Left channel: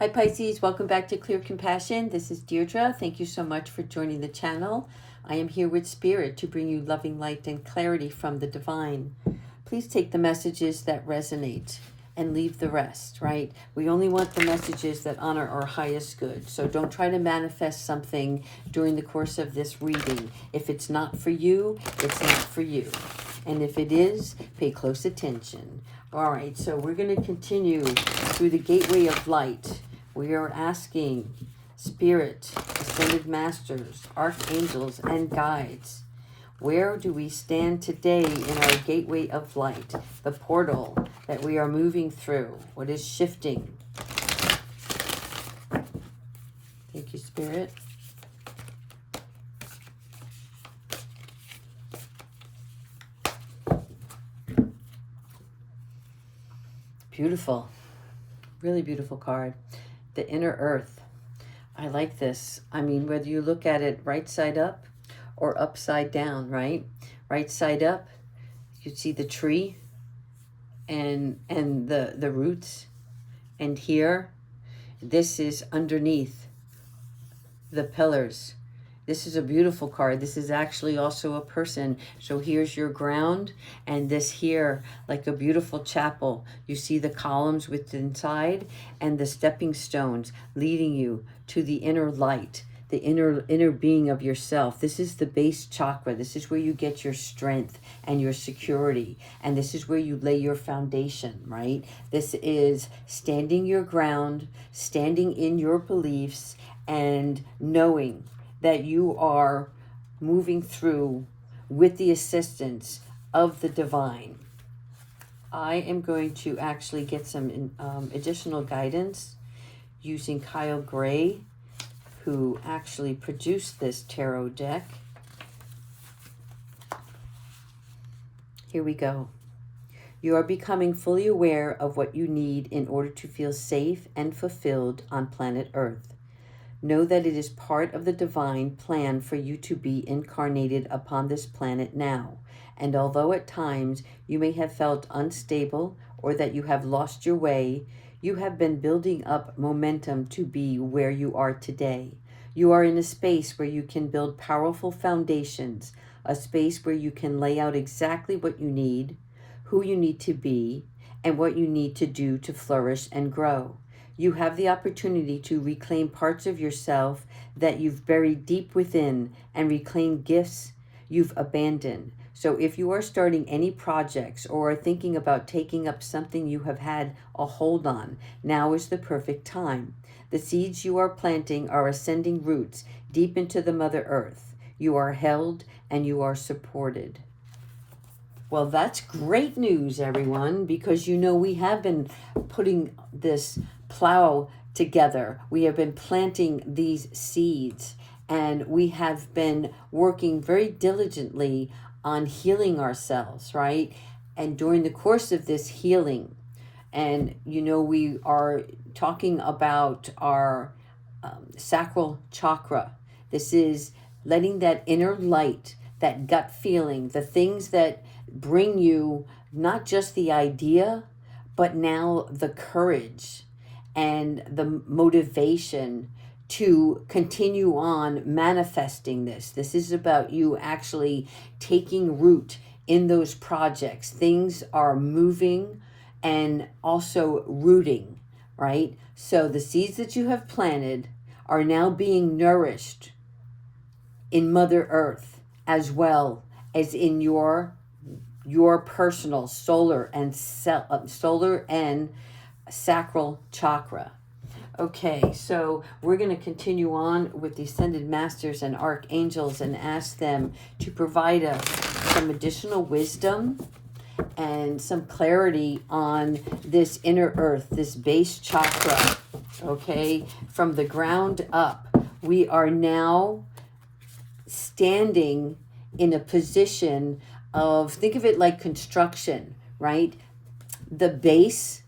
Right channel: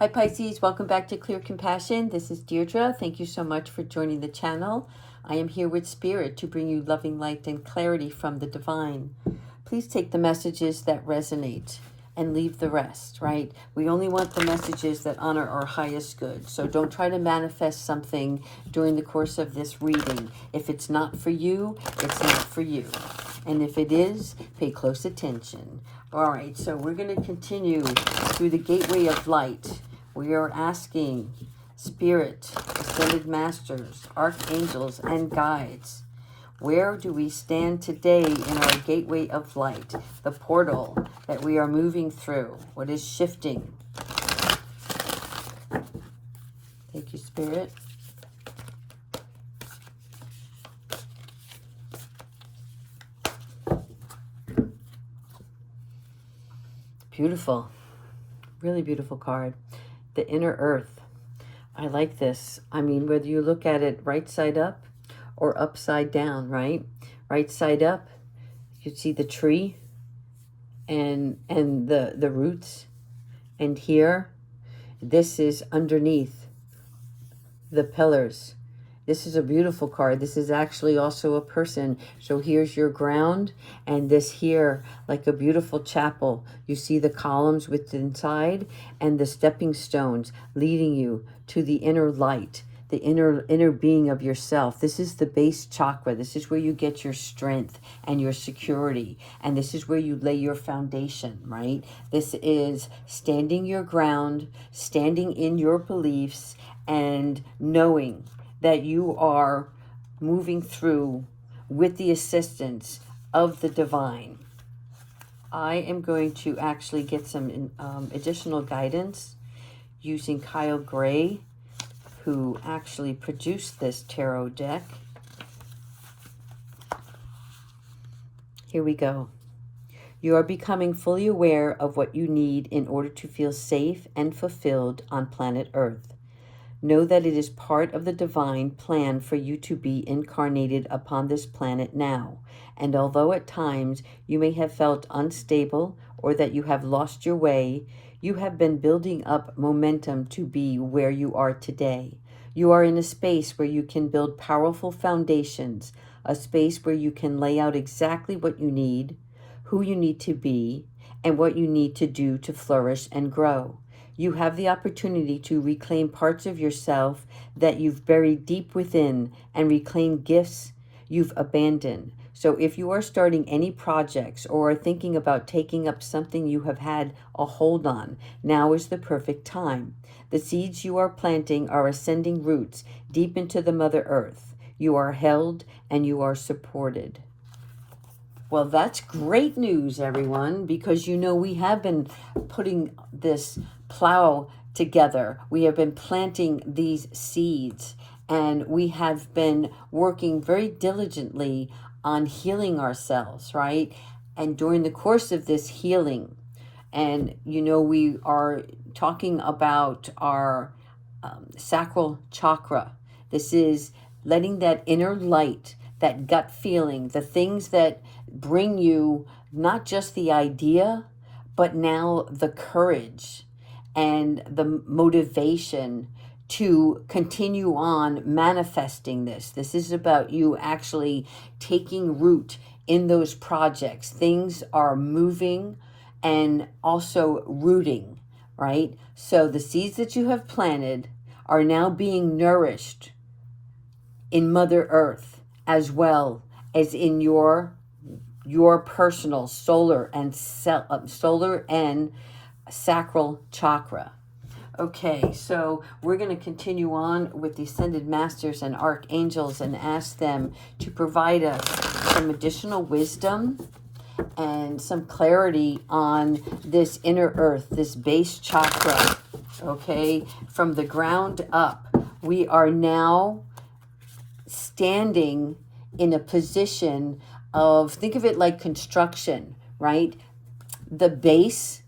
Hi Pisces, welcome back to Clear Compassion. This is Deirdre. Thank you so much for joining the channel. I am here with Spirit to bring you loving light and clarity from the divine. Please take the messages that resonate and leave the rest, right? We only want the messages that honor our highest good. So don't try to manifest something during the course of this reading. If it's not for you, it's not for you. And if it is, pay close attention. All right, so we're going to continue through the gateway of light. We are asking Spirit, Ascended Masters, Archangels, and Guides, where do we stand today in our gateway of light, the portal that we are moving through? What is shifting? Thank you, Spirit. Beautiful. Really beautiful card. The inner earth. I like this. I mean, whether you look at it right side up or upside down, right? Right side up, you see the tree and the roots. And here, this is underneath the pillars. This is a beautiful card. This is actually also a person. So here's your ground, and this here, like a beautiful chapel. You see the columns with inside and the stepping stones leading you to the inner light, the inner being of yourself. This is the base chakra. This is where you get your strength and your security. And this is where you lay your foundation, right? This is standing your ground, standing in your beliefs, and knowing that you are moving through with the assistance of the divine. I am going to actually get some additional guidance using Kyle Gray, who actually produced this tarot deck. Here we go. You are becoming fully aware of what you need in order to feel safe and fulfilled on planet Earth. Know that it is part of the divine plan for you to be incarnated upon this planet now. And although at times you may have felt unstable or that you have lost your way, you have been building up momentum to be where you are today. You are in a space where you can build powerful foundations, a space where you can lay out exactly what you need, who you need to be, and what you need to do to flourish and grow. You have the opportunity to reclaim parts of yourself that you've buried deep within and reclaim gifts you've abandoned. So if you are starting any projects or are thinking about taking up something you have had a hold on, now is the perfect time. The seeds you are planting are ascending roots deep into the Mother Earth. You are held and you are supported. Well, that's great news, everyone, because you know we have been putting this plow together. We have been planting these seeds, and we have been working very diligently on healing ourselves, right? And during the course of this healing, and you know, we are talking about our sacral chakra. This is letting that inner light, that gut feeling, the things that bring you not just the idea, but now the courage and the motivation to continue on manifesting this. This is about you actually taking root in those projects. Things are moving and also rooting, right? So the seeds that you have planted are now being nourished in Mother Earth, as well as in your personal solar and sacral chakra. Okay, so we're going to continue on with the Ascended Masters and Archangels and ask them to provide us some additional wisdom and some clarity on this inner earth, this base chakra. Okay, from the ground up, we are now standing in a position of, think of it like construction, right? The base,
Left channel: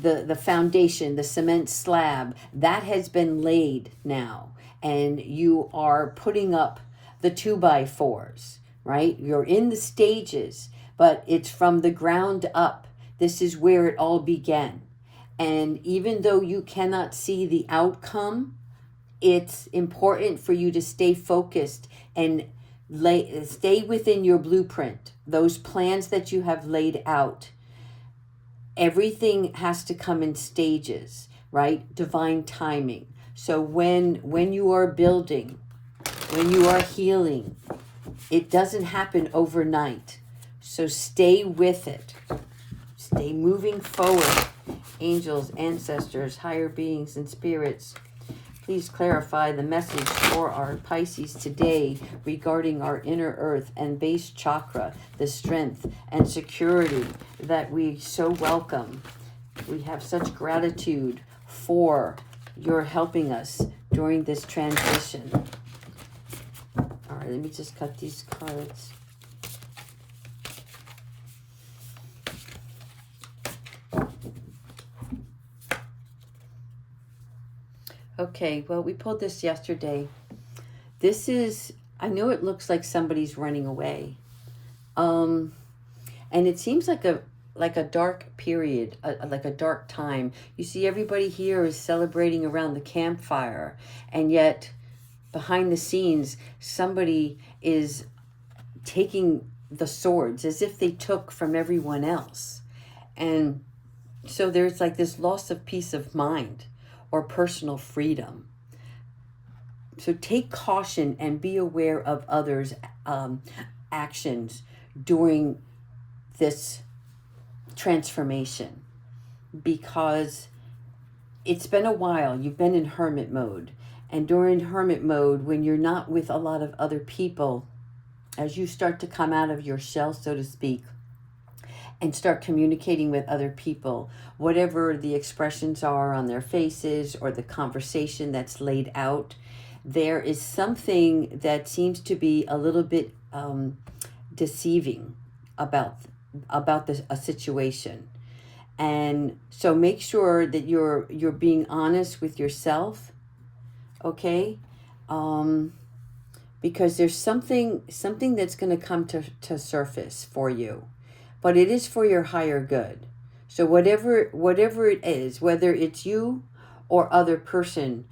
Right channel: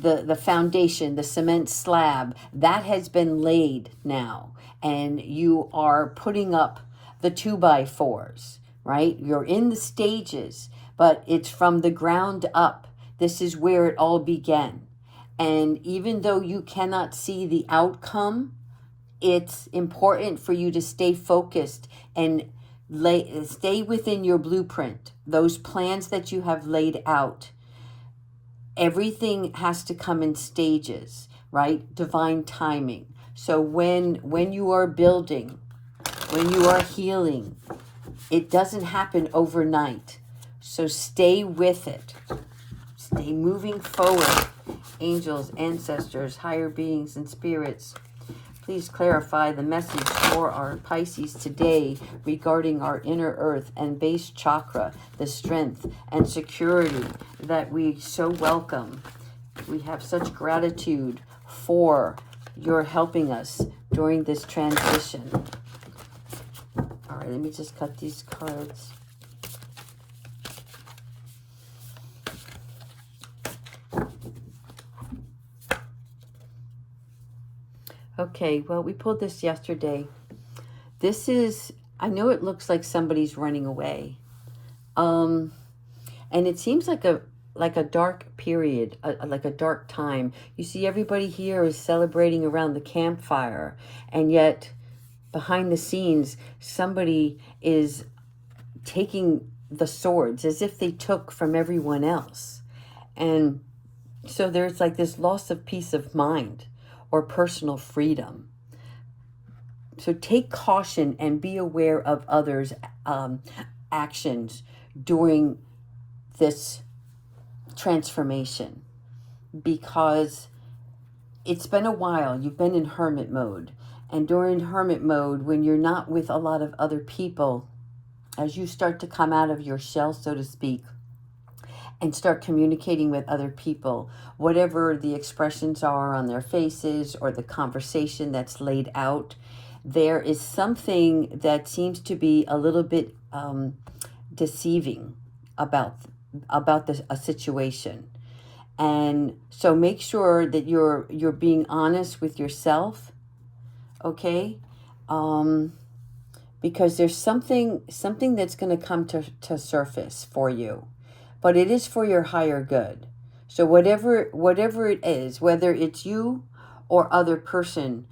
the foundation, the cement slab, that has been laid now. And you are putting up the 2x4s, right? You're in the stages, but it's from the ground up. This is where it all began. And even though you cannot see the outcome, it's important for you to stay focused and stay within your blueprint, those plans that you have laid out. Everything has to come in stages, right? Divine timing. So when you are building, when you are healing, it doesn't happen overnight. So stay with it. Stay moving forward. Angels, ancestors, higher beings, and spirits, please clarify the message for our Pisces today regarding our inner earth and base chakra, the strength and security that we so welcome. We have such gratitude for your helping us during this transition. All right, let me just cut these cards. Okay, well, we pulled this yesterday. This is, I know it looks like somebody's running away. And it seems like a dark period, like a dark time. You see everybody here is celebrating around the campfire, and yet behind the scenes, somebody is taking the swords as if they took from everyone else. And so there's like this loss of peace of mind or personal freedom. So take caution and be aware of others' actions during this transformation, because it's been a while. You've been in hermit mode. And during hermit mode, when you're not with a lot of other people, as you start to come out of your shell, so to speak, and start communicating with other people, whatever the expressions are on their faces or the conversation that's laid out, there is something that seems to be a little bit deceiving about a situation. And so make sure that you're being honest with yourself, okay? Because there's something that's going to come to surface for you, but it is for your higher good. So whatever it is, whether it's you or other person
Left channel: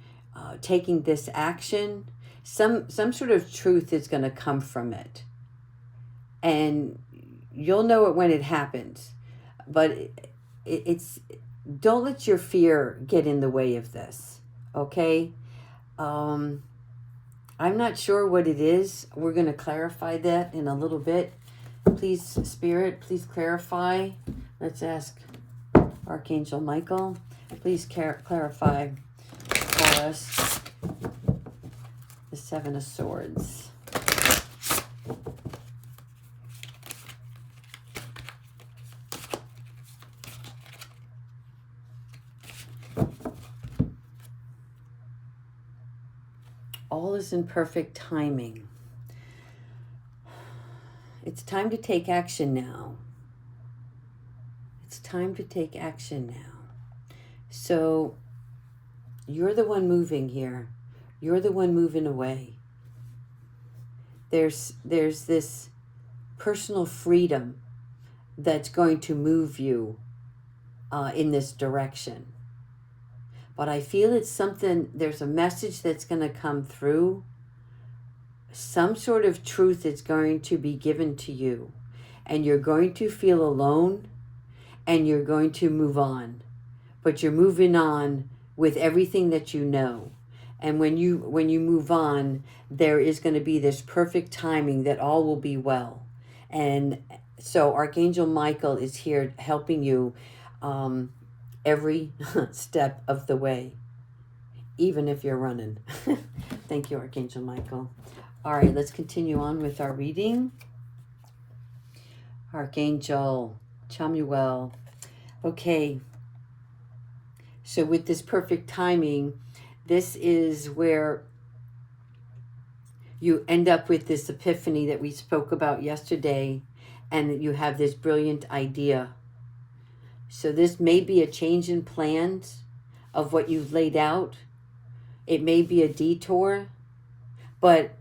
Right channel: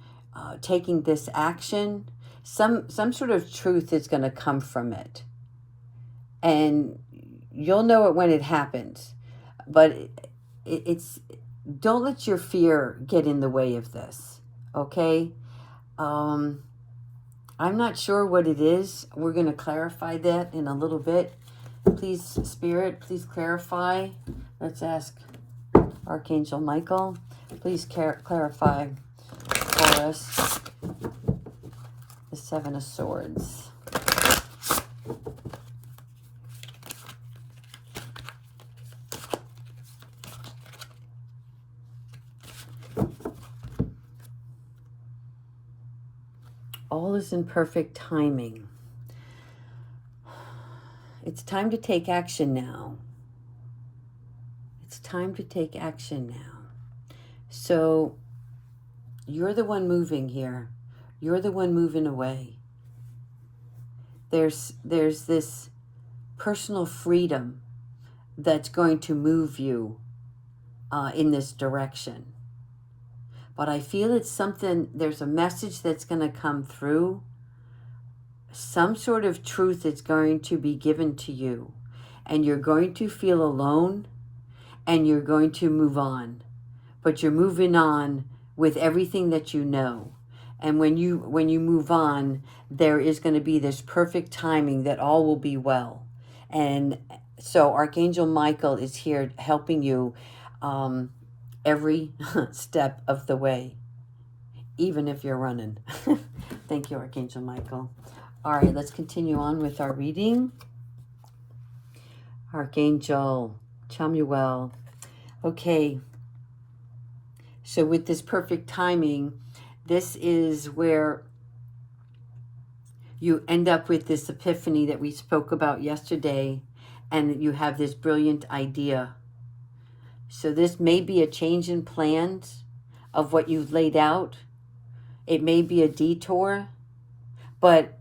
taking this action, some sort of truth is going to come from it, and you'll know it when it happens. But it's don't let your fear get in the way of this, okay? I'm not sure what it is. We're going to clarify that in a little bit. Please, Spirit, please clarify. Let's ask Archangel Michael. Please clarify for us the Seven of Swords. All is in perfect timing. It's time to take action now. It's time to take action now. So you're the one moving here. You're the one moving away. There's this personal freedom that's going to move you in this direction. But I feel it's something, there's a message that's going to come through. Some sort of truth is going to be given to you. And you're going to feel alone. And you're going to move on. But you're moving on with everything that you know. And when you move on, there is going to be this perfect timing that all will be well. And so Archangel Michael is here helping you every step of the way, even if you're running. Thank you, Archangel Michael. All right, let's continue on with our reading. Archangel Chamuel. Okay, so with this perfect timing, this is where you end up with this epiphany that we spoke about yesterday, and you have this brilliant idea. So this may be a change in plans of what you've laid out. It may be a detour, but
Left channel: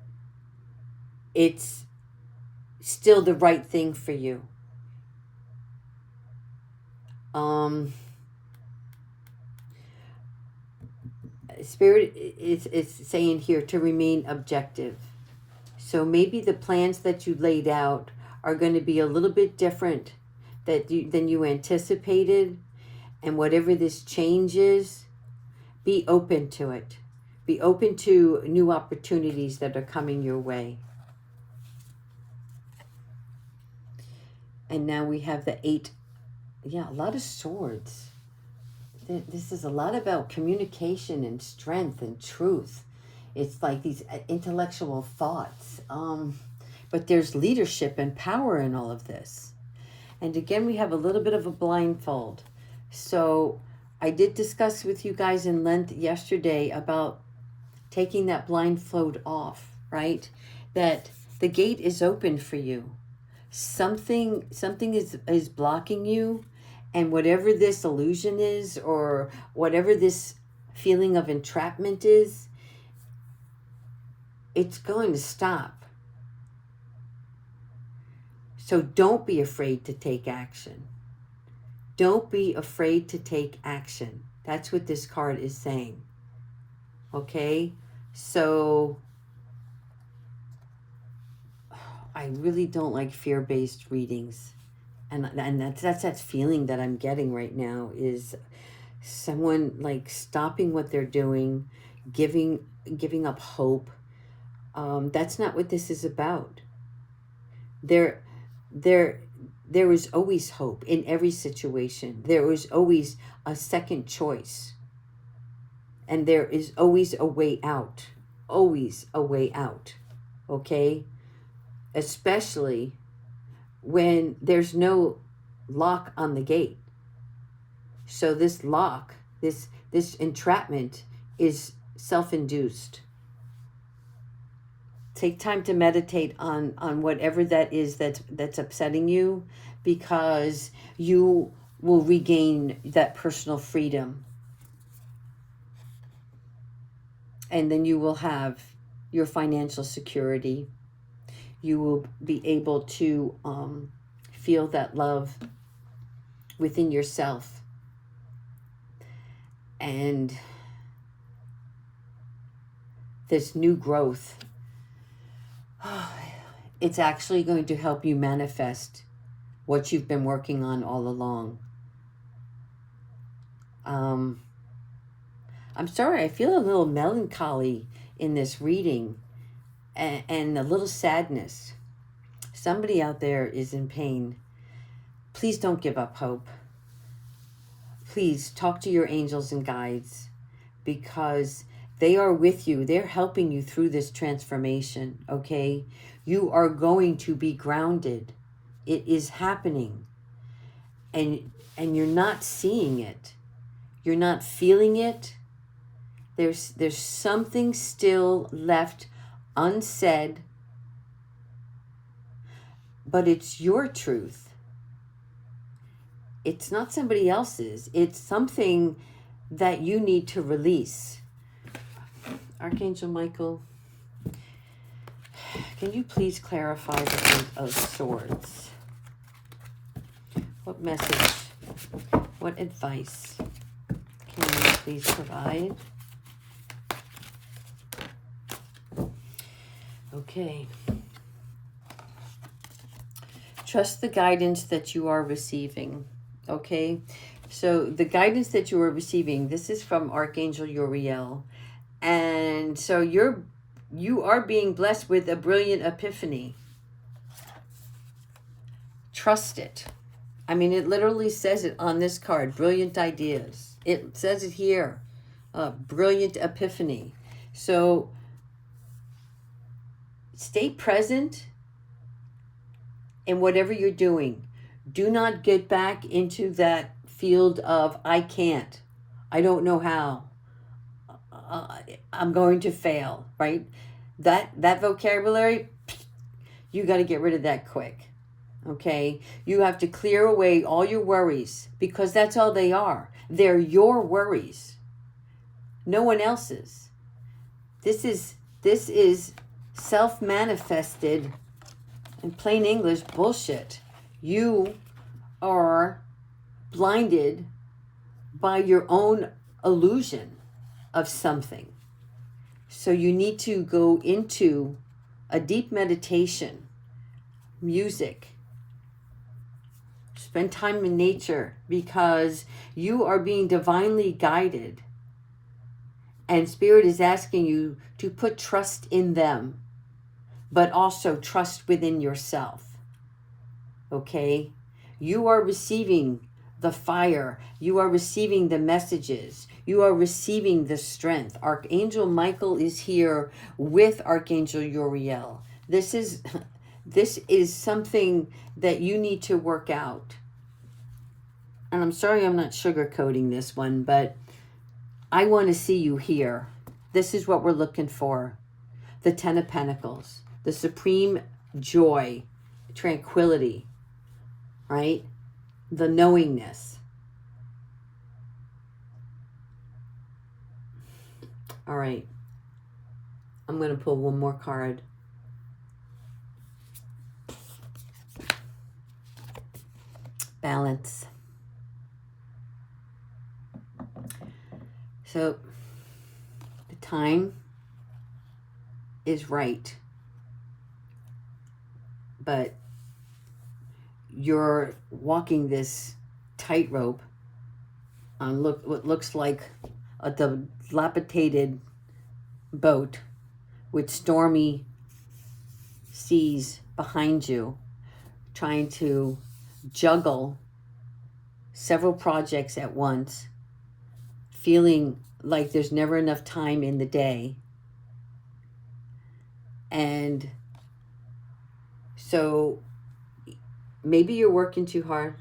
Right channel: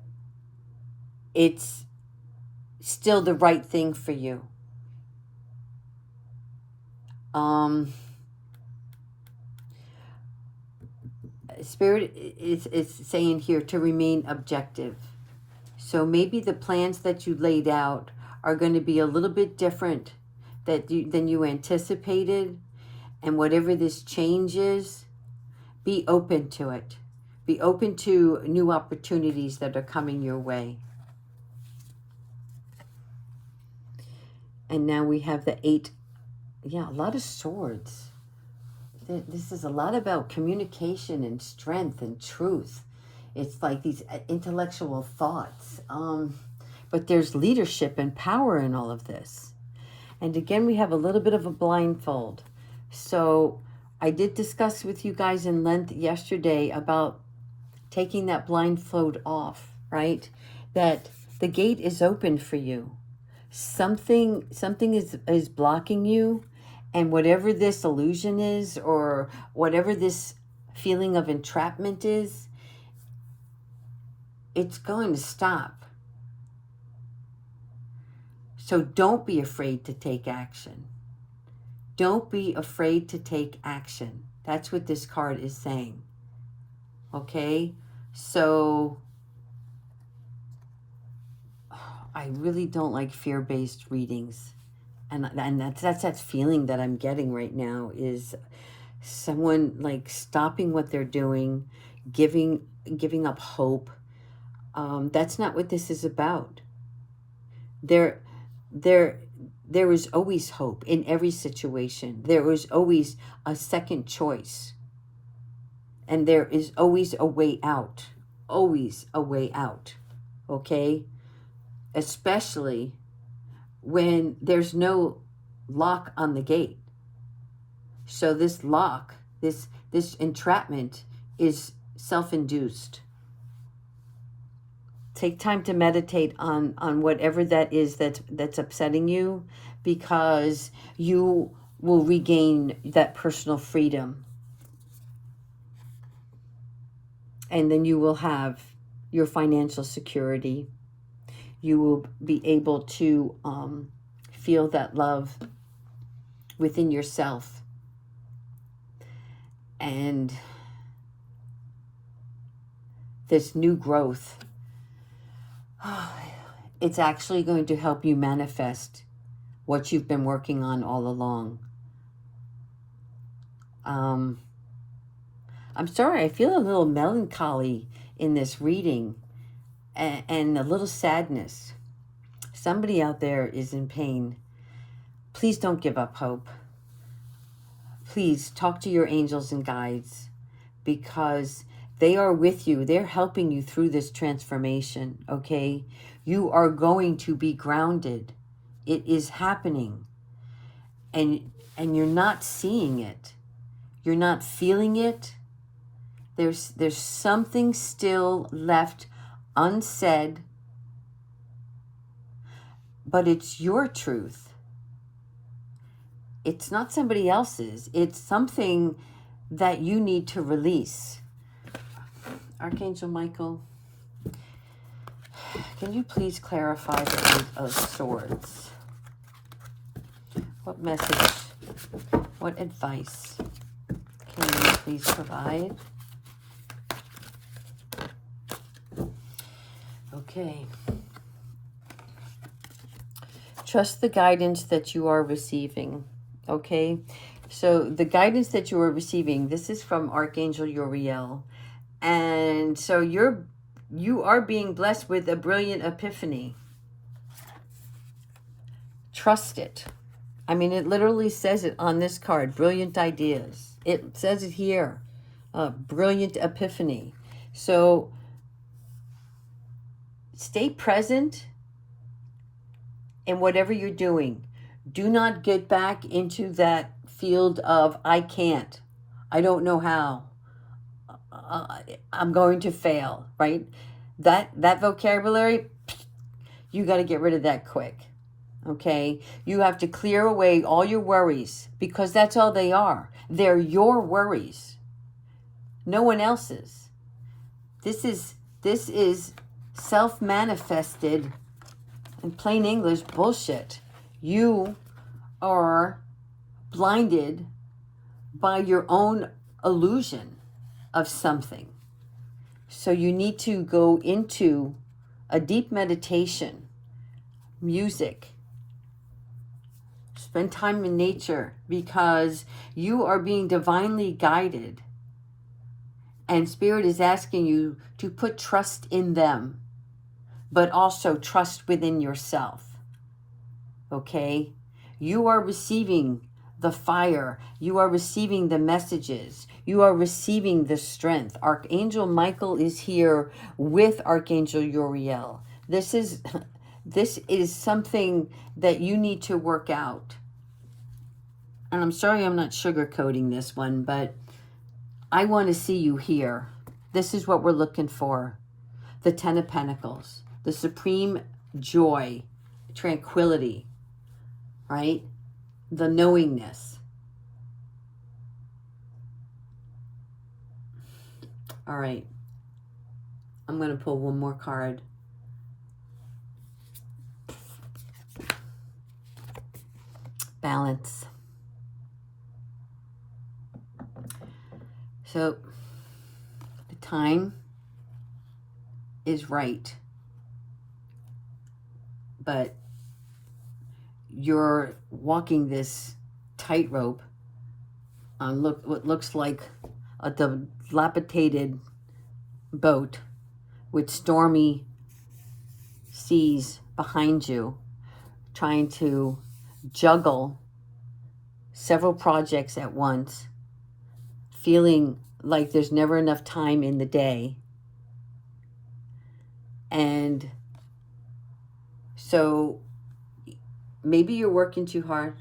it's still the right thing for you. Spirit is saying here to remain objective. So maybe the plans that you laid out are going to be a little bit different than you anticipated. And whatever this change is, be open to it. Be open to new opportunities that are coming your way. And now we have the 8. Yeah, a lot of swords. This is a lot about communication and strength and truth. It's like these intellectual thoughts. But there's leadership and power in all of this. And again, we have a little bit of a blindfold. So I did discuss with you guys in length yesterday about taking that blindfold off, right? That the gate is open for you. Something is blocking you, and whatever this illusion is, or whatever this feeling of entrapment is, it's going to stop. So don't be afraid to take action. Don't be afraid to take action. That's what this card is saying. Okay? So I really don't like fear-based readings. And that's that feeling that I'm getting right now, is someone like stopping what they're doing, giving up hope. That's not what this is about. There is always hope in every situation. There is always a second choice. And there is always a way out. Always a way out. Okay? Especially when there's no lock on the gate. So this lock, this entrapment is self-induced. Take time to meditate on whatever that is that's upsetting you, because you will regain that personal freedom. And then you will have your financial security. You will be able to feel that love within yourself. And this new growth, it's actually going to help you manifest what you've been working on all along. I'm sorry, I feel a little melancholy in this reading, and a little sadness. Somebody out there is in pain. Please don't give up hope. Please talk to your angels and guides, because they are with you. They're helping you through this transformation, okay? You are going to be grounded. It is happening. And you're not seeing it. You're not feeling it. There's something still left unsaid, but it's your truth. It's not somebody else's. It's something that you need to release. Archangel Michael, can you please clarify the Eight of Swords? What message, what advice can you please provide? Okay. Trust the guidance that you are receiving. Okay. So the guidance that you are receiving, this is from Archangel Uriel. And so you are being blessed with a brilliant epiphany. Trust it. I mean, it literally says it on this card, brilliant ideas. It says it here, brilliant epiphany. So stay present in whatever you're doing. Do not get back into that field of, I can't, I don't know how, I'm going to fail, right? That vocabulary, you got to get rid of that quick. Okay, you have to clear away all your worries, because that's all they are. They're your worries, no one else's. This is self-manifested, in plain English, bullshit. You are blinded by your own illusion of something. So you need to go into a deep meditation, music, spend time in nature, because you are being divinely guided. And Spirit is asking you to put trust in them, but also trust within yourself. Okay? You are receiving the fire. You are receiving the messages. You are receiving the strength. Archangel Michael is here with Archangel Uriel. This is something that you need to work out. And I'm sorry I'm not sugarcoating this one, but I want to see you here. This is what we're looking for. The Ten of Pentacles, the supreme joy, tranquility, right? The knowingness. All right. I'm going to pull one more card. Balance. So the time is right, but you're walking this tightrope on what looks like a dilapidated boat with stormy seas behind you, trying to juggle several projects at once, feeling like there's never enough time in the day. And so maybe you're working too hard.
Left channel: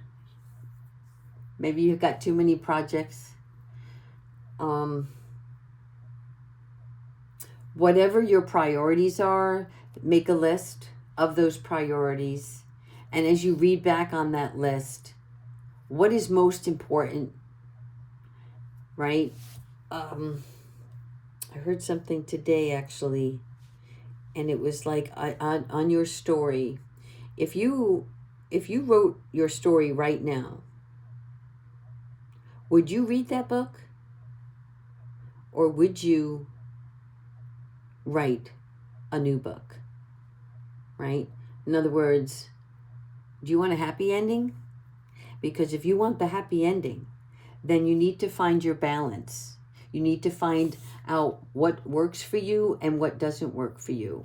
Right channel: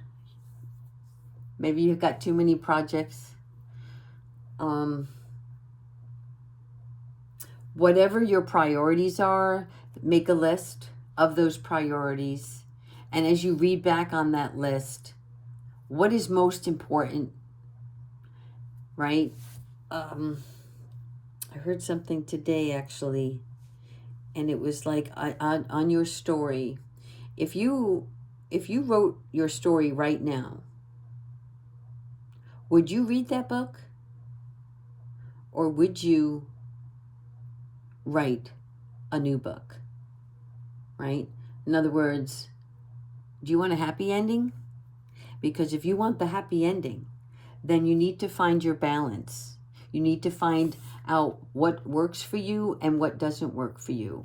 Maybe you've got too many projects. Whatever your priorities are, make a list of those priorities. And as you read back on that list, what is most important, right? I heard something today, actually, and it was like on your story. If you wrote your story right now, would you read that book? Or would you write a new book, right? In other words, do you want a happy ending? Because if you want the happy ending, then you need to find your balance. You need to find out what works for you and what doesn't work for you.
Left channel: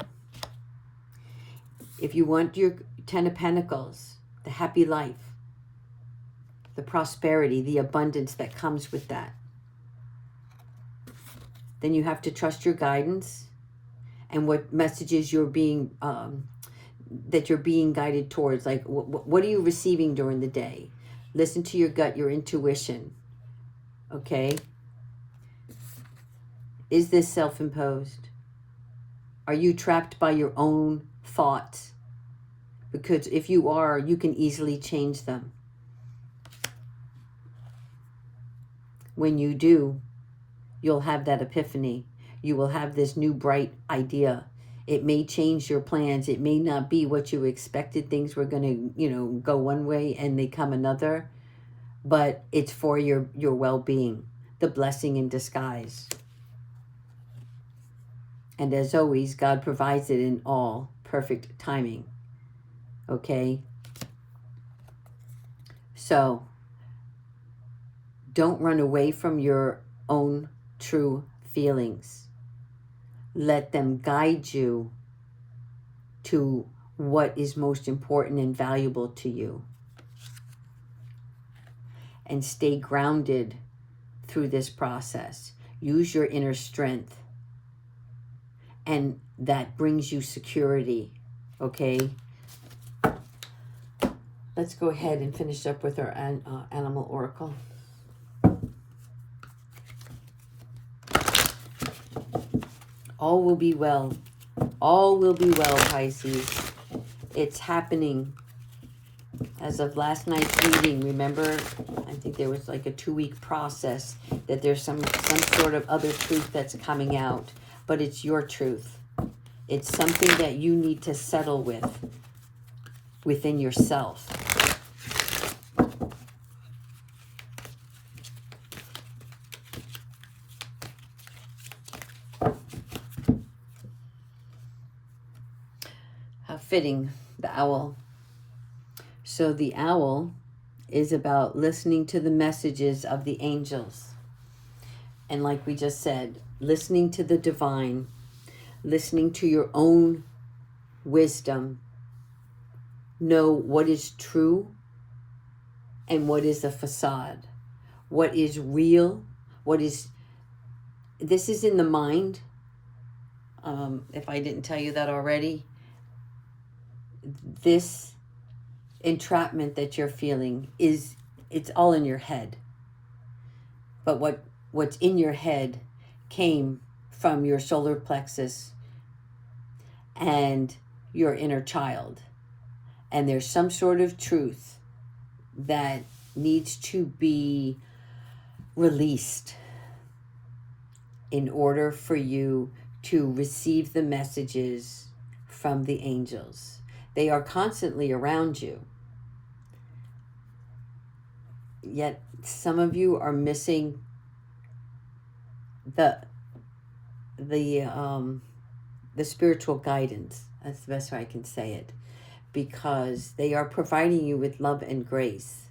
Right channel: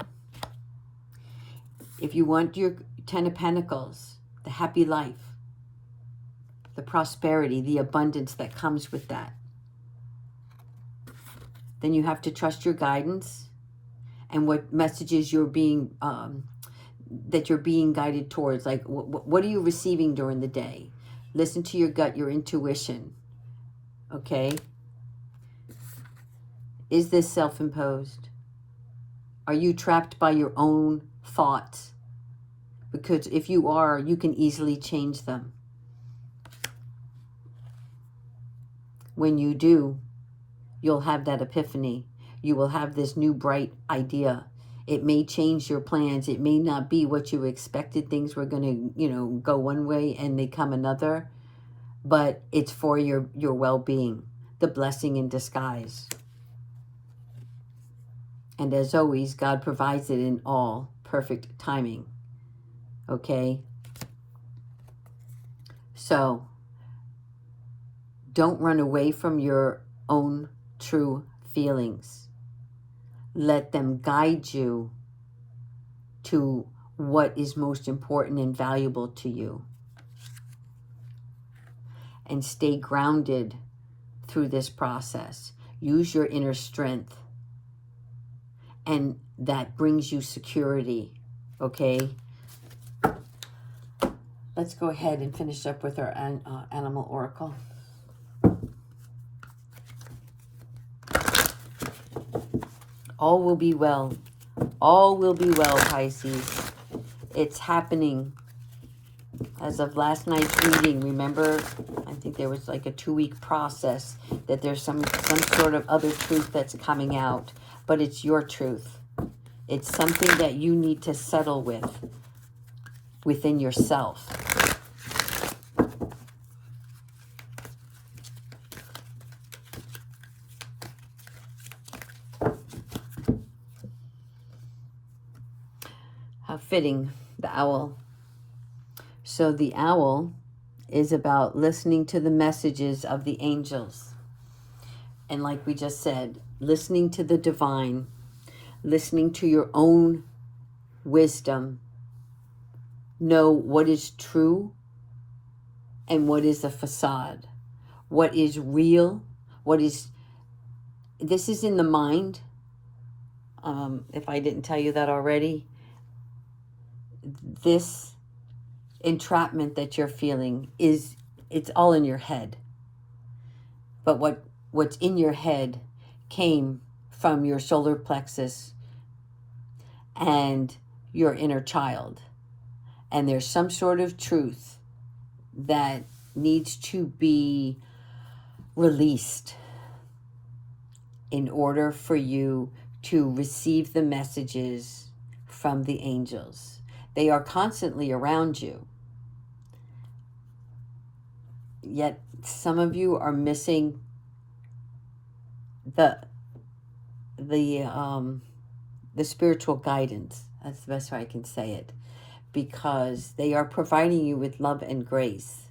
If you want your Ten of Pentacles, the happy life, the prosperity, the abundance that comes with that, then you have to trust your guidance and what messages you're being that you're being guided towards. Like, what are you receiving during the day? Listen to your gut, your intuition. Okay? Is this self-imposed? Are you trapped by your own thoughts? Because if you are, you can easily change them. When you do, you'll have that epiphany. You will have this new bright idea. It may change your plans. It may not be what you expected. Things were going to, go one way and they come another. But it's for your well-being, the blessing in disguise. And as always, God provides it in all perfect timing. Okay? So, don't run away from your own true feelings. Let them guide you to what is most important and valuable to you. And stay grounded through this process. Use your inner strength. And that brings you security. Okay? Let's go ahead and finish up with our animal oracle. All will be well. All will be well, Pisces. It's happening. As of last night's reading, remember, I think there was like a 2-week process that there's some sort of other truth that's coming out. But it's your truth. It's something that you need to settle with within yourself. fitting, the owl. So the owl is about listening to the messages of the angels. And like we just said, listening to the divine, listening to your own wisdom. Know what is true and what is a facade. What is real, this is in the mind. If I didn't tell you that already, this entrapment that you're feeling it's all in your head. But what's in your head came from your solar plexus and your inner child. And there's some sort of truth that needs to be released in order for you to receive the messages from the angels. They are constantly around you. Yet some of you are missing the spiritual guidance. That's the best way I can say it. Because they are providing you with love and grace.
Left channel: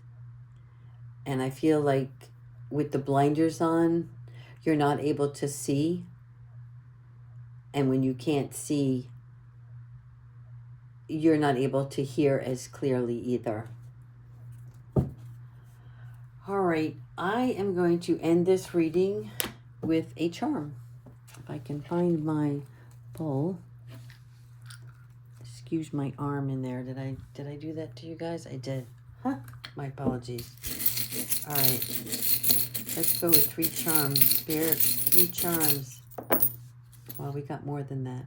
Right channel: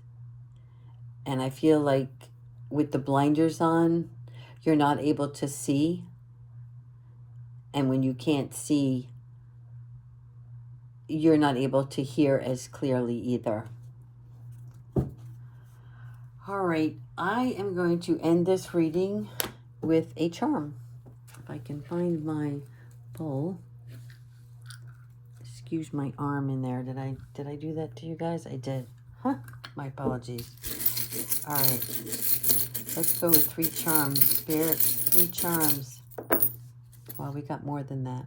And I feel like with the blinders on, you're not able to see. And when you can't see, you're not able to hear as clearly either. All right, I am going to end this reading with a charm. If I can find my bowl. Excuse my arm in there. Did I do that to you guys? I did. Huh? My apologies. All right. Let's go with 3 charms. Spirit, 3 charms. Well, we got more than that.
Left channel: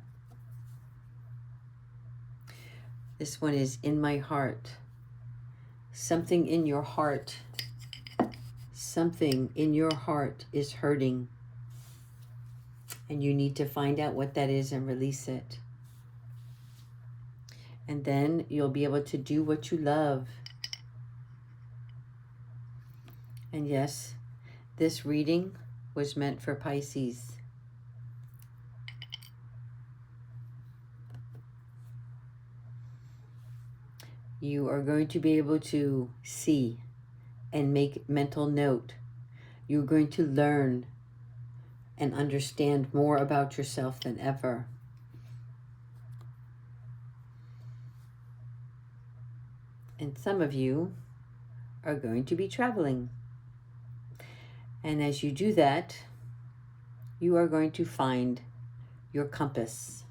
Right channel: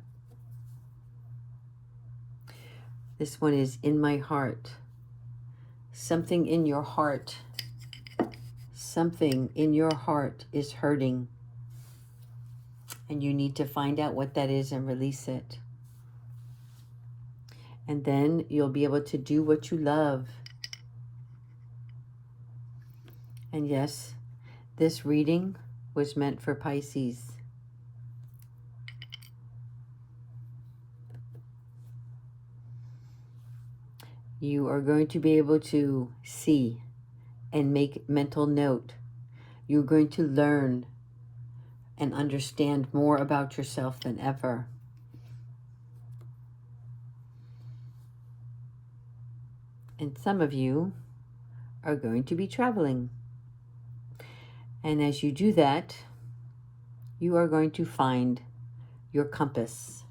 This one is in my heart. Something in your heart. Something in your heart is hurting. And you need to find out what that is and release it. And then you'll be able to do what you love. And yes, this reading was meant for Pisces. You are going to be able to see and make mental note. You're going to learn and understand more about yourself than ever. And some of you are going to be traveling. And as you do that, you are going to find your compass.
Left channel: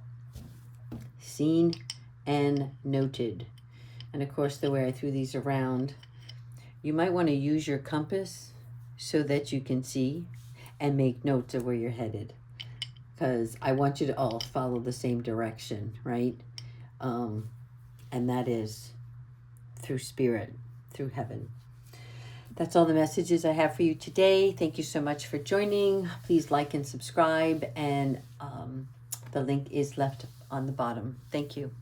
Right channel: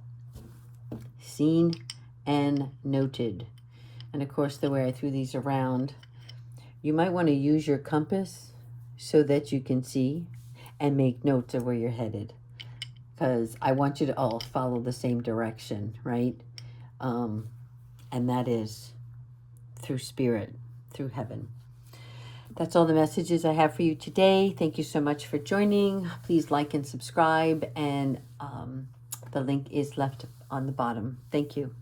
Seen and noted. And of course, the way I threw these around, you might want to use your compass so that you can see and make notes of where you're headed. Because I want you to all follow the same direction, right? And that is through spirit, through heaven. That's all the messages I have for you today. Thank you so much for joining. Please like and subscribe, and the link is left on the bottom. Thank you.